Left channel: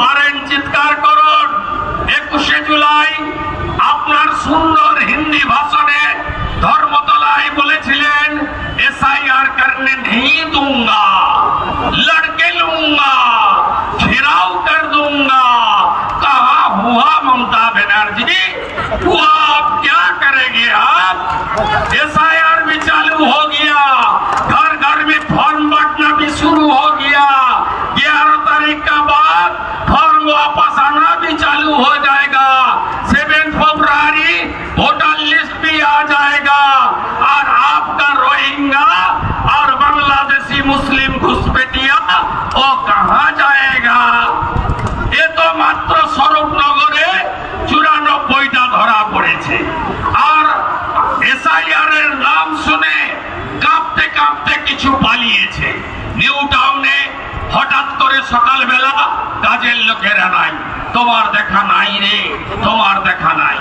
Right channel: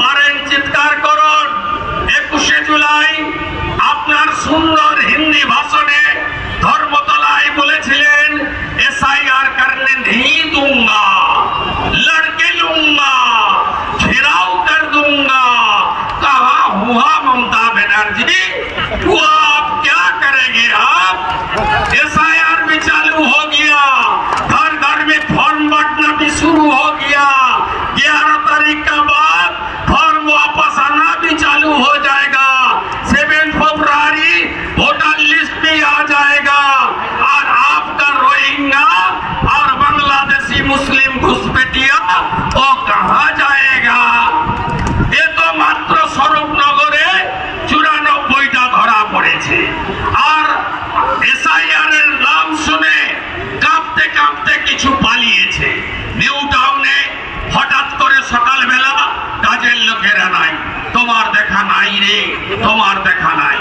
পারেন চিৎকার করুন। 21শে জুলাই আপনার সুন্দর হিন্দি ভাষণে ধর্মতলায় বলেছিলেন एसआईआर करने नहीं दूंगा, लड़के लूंगा, घेराव कर दूंगा। कहा हुआ ममता बनर्जी, हुआ आप क्या करेंगे? आप एसआईआर भी चालू हो गया, घर घर में फॉर्म बांटना भी शुरू हो गया। 11 तारीख का बाद फॉर्म वापस आना भी चालू हो जाएगा। 7 फरवरी वोटर लिस्ट भी आ जाएगा और आपका रोहिंग्या और बांग्लादेशी मुस्लिम घुसपैठिया वो कहाँ जाएगा? ये तो मात्र स्वरूपनगरे 94টা ধরা পড়েছে। আর এসআইআর এর নাম শুনে কাঁপতে কাঁপতে কিছু পালিয়েছে। নিউ টাউনে হঠাৎ করে সকালবেলা কাজের লোকেরা নাই, তোমার দেখা নাই রে, তোমার দেখা নাই।